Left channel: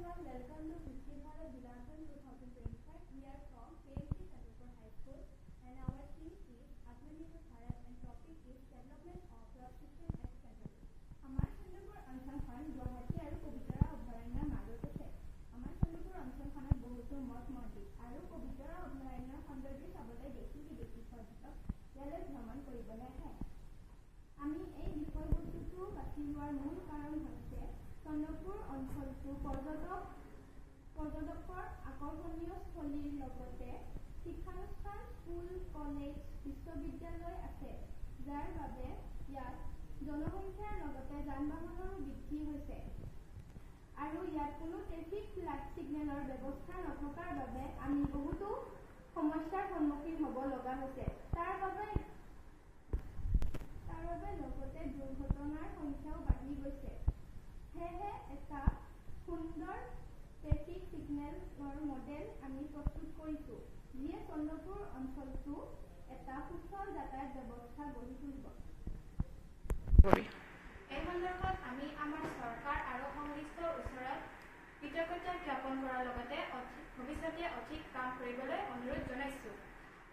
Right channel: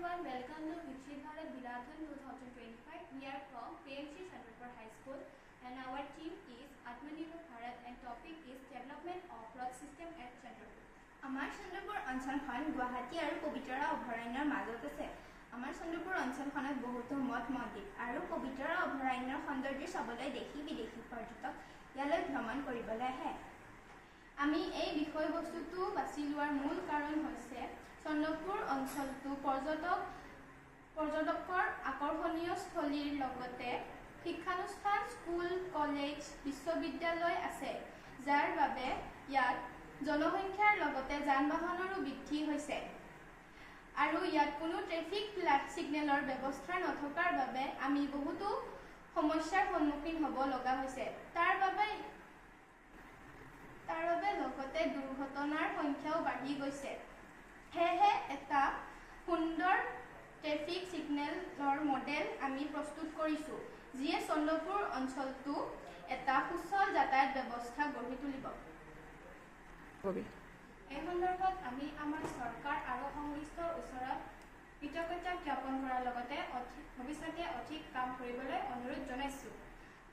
everyone, welcome to Viksit Bharat Bilathan 2025. We are from PMC Chandrapur High School and our team is Atmanirbhar Bharat and topic is development of road system at Chandrapur. আমাৰ চন্দ্ৰপুৰ অঞ্চলখন গুৱাহাটী আৰু পবিতৰা অভয়াৰণ্যৰ মাজত আছে। আমাৰ চন্দ্ৰপুৰ অঞ্চলখনত বহুতো মঠ মন্দিৰ আৰু পবিতৰা অভয়াৰণ্যৰ সৌন্দৰ্য চাবলৈ দেশী বিদেশী পৰ্যটক ইয়ালৈ ভ্ৰমণ কৰিবলৈ আহে। আমি এই বিষয়বস্তুটো বাছি লোৱাৰ মূল কাৰণ হৈছে চন্দ্ৰপুৰ অঞ্চলটো পৰ্যটকৰ আকৰ্ষণীয় স্থলীৰ লগতে শিক্ষানুষ্ঠান স্কুল কলেজ বিশ্ববিদ্যালয় আছে, যাৰ বাবে ইয়াত জনসংখ্যাৰ লগতে যান বাহনৰো বৃদ্ধি হৈছে আৰু ইয়াত কোনো ট্ৰেফিক ছিগনেলৰ ব্যৱস্থা নথকাৰ বাবে আমি বহুতো সমস্যাৰ সন্মুখীন হ'ব লগা হৈছে। তাৰ বাবে লগতে দুৰ্ঘটনাৰ সংখ্যাও বাঢ়ি গৈছে। সেয়েহে এটা সুন্দৰ ট্ৰেফিক ছিগনেলৰ মডেল আমি প্ৰস্তুত কৰিছোঁ, যিয়ে চন্দ্ৰপুৰ অঞ্চলটো এটা সুচল যাতায়াত ব্যৱস্থা গঢ়ি তুলিব। এই সন্দৰ্ভত আমি আমাৰ চৰকাৰ আৰু সংশ্লিষ্টৰ ওচৰত কৃতজ্ঞতা জ্ঞাপন কৰাৰ লগতে ভৱিষ্যতে অধিক কাম কৰিবলৈ অনুৰোধ জনাইছোঁ।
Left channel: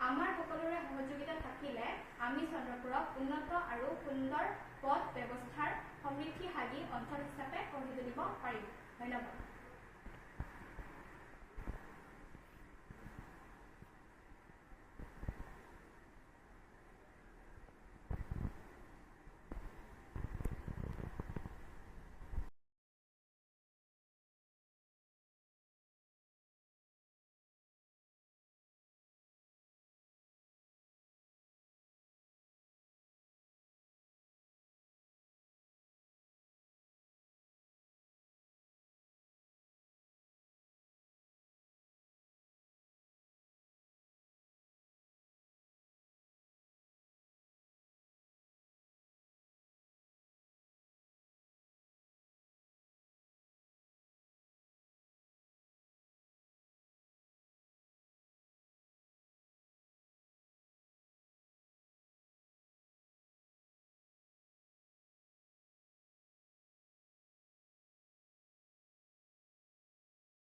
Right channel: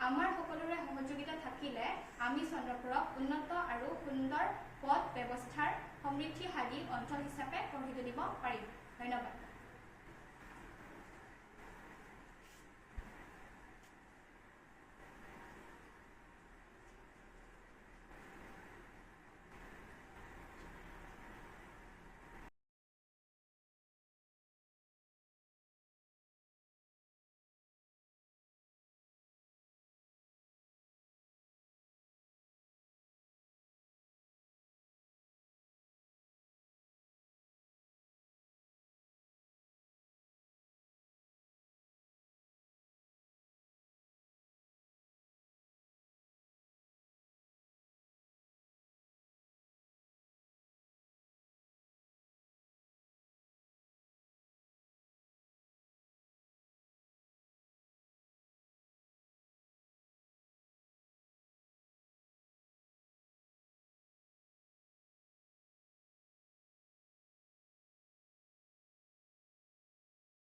আমাৰ সকলোৰে সহযোগিতা থাকিলে আমি চন্দ্ৰপুৰক উন্নত আৰু সুন্দৰ পথ ব্যৱস্থাৰ সমৃদ্ধিশালী অঞ্চল হিচাপে গঢ়ি তুলিব পাৰিম। ধন্যবাদ।